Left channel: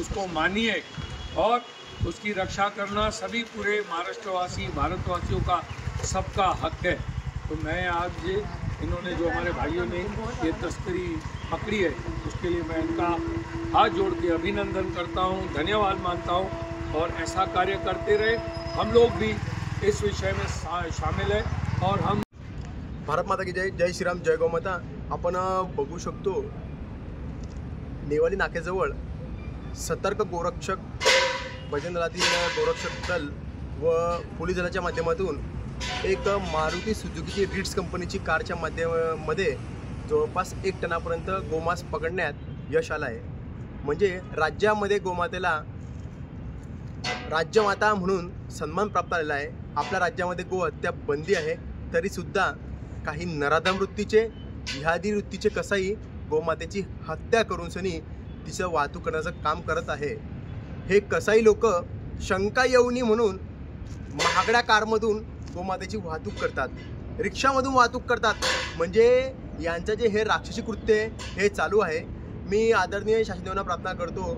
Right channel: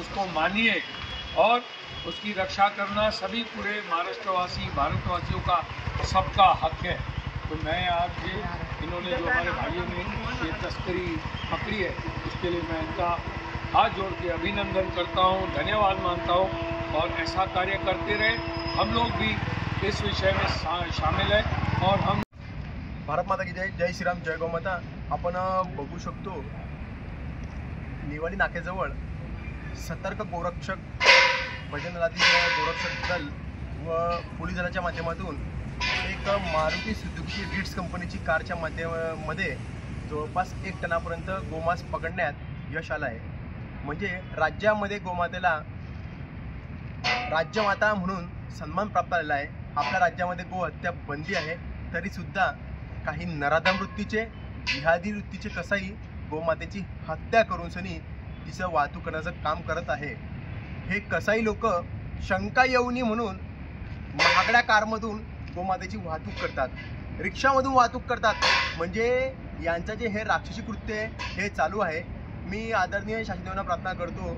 उसको मानिए और उसकी रक्षा करना सभी पूरे महाराष्ट्रवासी भारतवासियों का सबका हक है। तो मैं आज ये इन्होंने जो हमारे भाइयों ने ये तस्करी पकड़ी है उसके लिए मैं इनका हाथ जोड़ के अभिनंदन करता हूँ, धन्यवाद मानता हूँ और ऐसा कार्य करते रहे। हम लोग भी इस विषय में शामिल हैं और हम भारत माता की जय, जय श्रीराम, जय गौमाता। आपण बघू शकतो नेवाली नाक्याजवळ सतर्क गोरक्षक भजन दलातील गोरक्षक दल व पोलीस दलाच्या माध्यमातून एक मारुती सुझुकी रिट्स कंपनीची कारच्या माध्यमामध्ये जवळपास 1 टनापर्यंत गोमांस पकडण्यात यश आलं आहे। म्हणजे राज्यामध्ये गोमातेला राज्यमाता म्हणून सन्मान प्राप्त झालेला आहे। आपल्या राज्यामध्ये गोहत्या बंदी आहे, तरी सुद्धा काही नराधम वृत्तीचे जिहादी वृत्तीचे कसाई गोमातेची हत्या करून सनी तिचं वाहतूक करण्याचं काम करत आहे। हे कसाई लोक शंका येऊनी म्हणून महागड्या कारमधून गोमातेची वाहतूक करतात, रिक्षामधून वाहतूक करतात। म्हणजे यांचं जे हे राक्षसी कृत्य हे चालू आहे। मी आदरणीय शासनाला प्रार्थना करतो,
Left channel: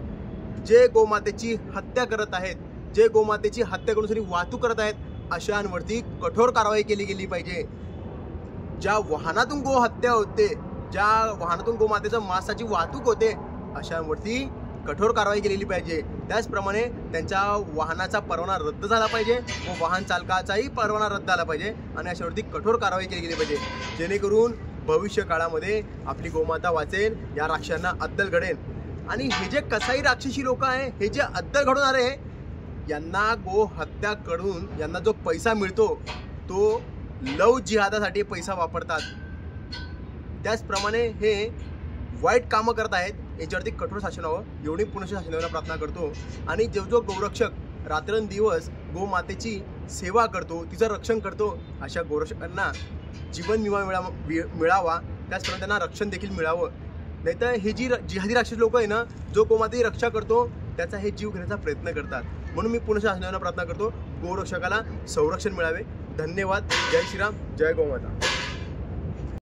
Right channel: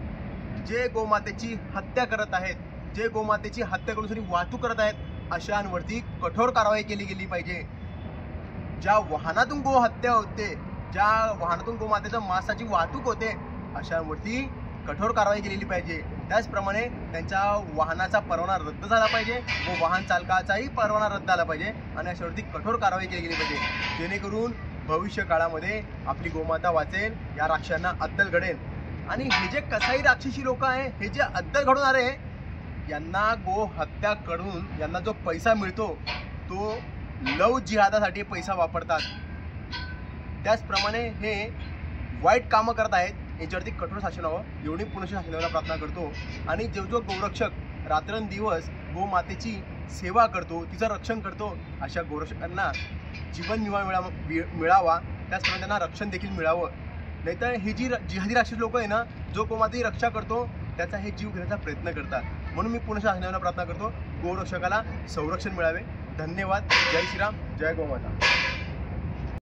जे गोमातेची हत्या करत आहेत, जे गोमातेची हत्या करून सनी वाहतूक करत आहेत, अशांवरती कठोर कारवाई केली गेली पाहिजे। ज्या वाहनातून गो हत्या होते, ज्या वाहनातून गोमातेचं मांसाची वाहतूक होते, अशांवरती कठोर कारवाई केलेली पाहिजे। त्याचप्रमाणे त्यांच्या वाहनाचा परवाना रद्द झाला पाहिजे व वाहन चालकाचाही परवाना रद्द झाला पाहिजे आणि अशावरती कठोर कारवाई केली गेली पाहिजे, जेणेकरून भविष्य काळामध्ये आपली गोमाता वाचेल, या राक्षसांना अद्दल घडेल। आणि हे जे कसाई राक्षसी लोक आहे, हे जे अद्दल घडवणारे, यांना गो हत्या करून यांना जो पैसा मिळतो तो लव जिहादासाठी पैसा वापरतात। त्याचप्रमाणे हे वाईट कामं करत आहेत, याच्यावरती कठोर शासन व्हावं एवढी पुणे शासनाला प्रार्थना करतो। आणि जो गोरक्षक रात्रंदिवस गोमातेची सेवा करतो, तिचं रक्षण करतो, अशा गोरक्षकांना जीवन विमा मिळावा, त्याचप्रमाणे त्यांना रक्षण देखील मिळावं। नाहीतर हे जी जिहादी राक्षस लोक आहे ना, जो गोमातेची रक्षा करतो त्याचा हे जीव घेण्याचा प्रयत्न करतात। म्हणून मी पुणे शासनाला प्रार्थना करतो, गोरक्षकाला संरक्षण मिळावे। धन्यवाद। जय श्रीराम, जय गौमाता।